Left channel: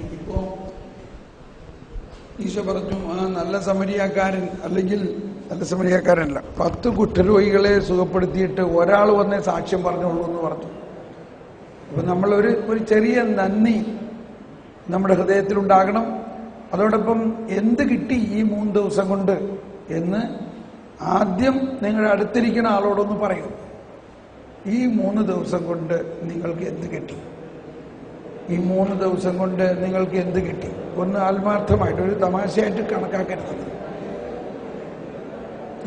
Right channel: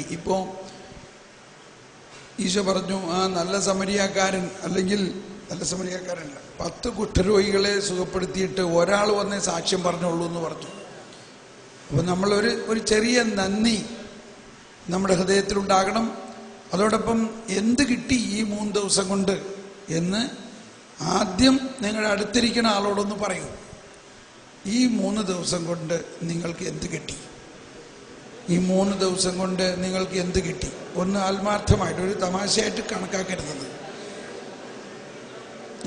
കിട്ടി. ഇപ്പോൾ ഈശോ പറഞ്ഞു, ആ നല്ല സമരിയാക്കാരൻ, അല്ലെങ്കിൽ നല്ല സമരിയാക്കാരനല്ല, 10 കുഷ്ഠരോഗികളെ സുഖപ്പെടുത്തിയിട്ട് ഒരാൾ വന്നേ സാക്ഷ്യം പറഞ്ഞുള്ളൂ എന്ന് പറഞ്ഞു. അപ്പോൾ നമ്മളൊരു ചെറിയ നന്ദി നമ്മുടെ ഹൃദയത്തിലുണ്ടാകണം. അതോടൊപ്പം എന്ത് കിട്ടി ഈ 3 ദിവസം കൊണ്ട് എന്ന് ആദ്യം നിങ്ങളുടെ അടുത്തിരിക്കുന്ന ആളോടൊന്ന് പറയൂ. ഈ 3 ദിവസം കൊണ്ട് നിങ്ങൾക്ക് എന്ത് കിട്ടി? ഈ 3 ദിവസം കൊണ്ട് നിങ്ങൾക്ക് എന്ത് കിട്ടി? ഒന്ന് ആത്മാർത്ഥമായിട്ട്, ഒരു തമാശയായിട്ട് കണക്കാക്കരുത്.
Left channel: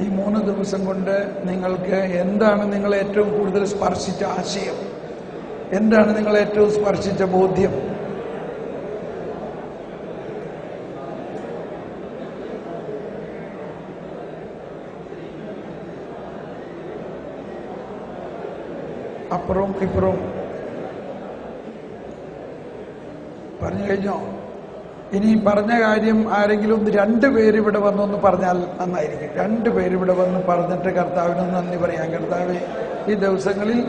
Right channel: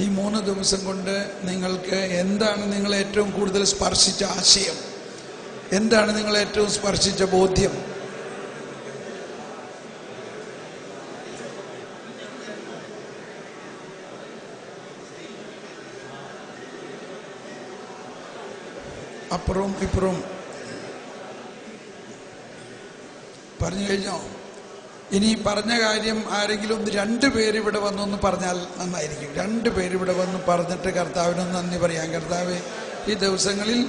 ഈ 3 ദിവസം കൊണ്ട് നിങ്ങൾക്ക് എന്താണ് നിങ്ങളെ ഏറ്റവും കൂടുതൽ സ്പർശിച്ച ആശയം? എന്താണ് നിങ്ങളെ ഏറ്റവും സ്പർശിച്ച ബോധ്യം? അപ്പുറവും ഇപ്പുറവും പറഞ്ഞു കഴിഞ്ഞോ? ഇനി പറഞ്ഞ കാര്യം ആരെങ്കിലും 2 പേര് ഇവിടെ വന്നൊന്ന് പറഞ്ഞാൽ നന്നായിരിക്കും. 2 പേര് ഇവിടെ വന്ന് പറഞ്ഞിട്ട് കർത്താവിന് നന്ദി പറയാം. കർത്താവ്, ഈ ദിവസങ്ങളിൽ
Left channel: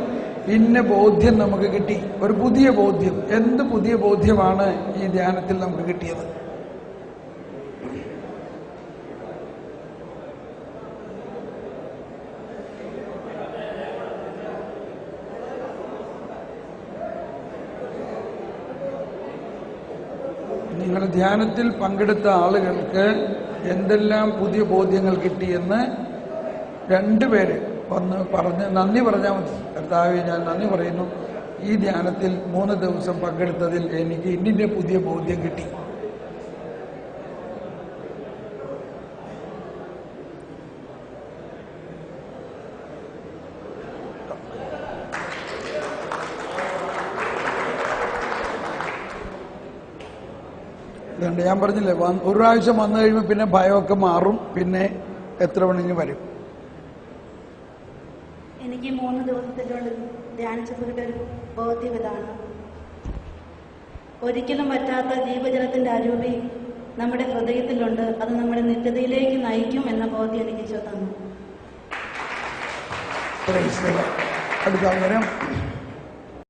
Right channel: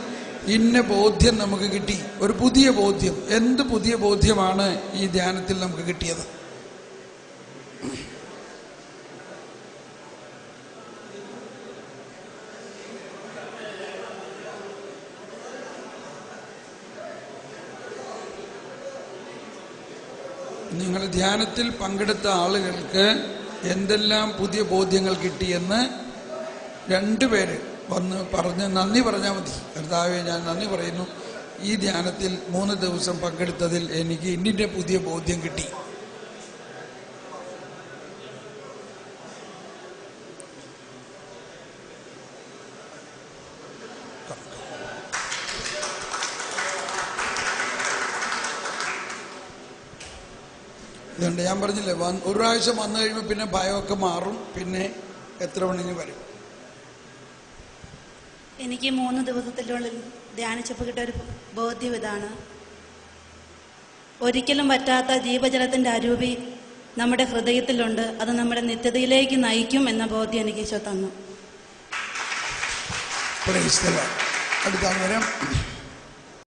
ഇന്ന ബോധ്യം നമുക്ക് കിട്ടി, ഒരു പുതിയ ബോധ്യം. എന്ത് പുതിയ ബോധ്യമാണ് ഈ ധ്യാനത്തിൽ നമുക്ക് കിട്ടിയത്? നിങ്ങൾ ധ്യാനത്തിൽ പങ്കെടുത്ത ആളുകൾക്ക് എന്തെല്ലാം പുതിയ ബോധ്യങ്ങൾ കിട്ടിയെന്ന് 2 പേര് വന്ന് പറഞ്ഞ് നന്ദി പറഞ്ഞാൽ മതി. കർത്താവേ, ഞാൻ നന്ദി പറയുന്നു, ഈ ധ്യാനത്തിൽ 3 ദിവസം പങ്കെടുത്തതിൽ എനിക്ക് ഇന്നിൻ്റെ പുതിയ ബോധ്യം കിട്ടി. ഇതുണ്ട്, ഞാൻ പറഞ്ഞില്ലേ, ഒരു പ്രാവശ്യം വന്നു കഴിയുമ്പോൾ പിന്നെ ഭയമൊക്കെ മാറും, പിന്നെ എത്ര വേണമെങ്കിലും വരും. എനിക്ക് 3 ദിവസത്തിനുള്ളിൽ ധ്യാനിച്ചപ്പോൾ കിട്ടിയ ഒരു ബോധ്യം ഇതാണ്: ഒരിക്കലും പറ്റാത്ത ജീവജലത്തിൻ്റെ അരൂപി നമ്മുടെ ഹൃദയത്തിലുണ്ട്. അത് നമ്മുടെ നിത്യതയിലേക്ക് നയിക്കും എന്ന ബോധ്യം എനിക്ക് ഈശോ തന്നു. അടുത്ത വരാം.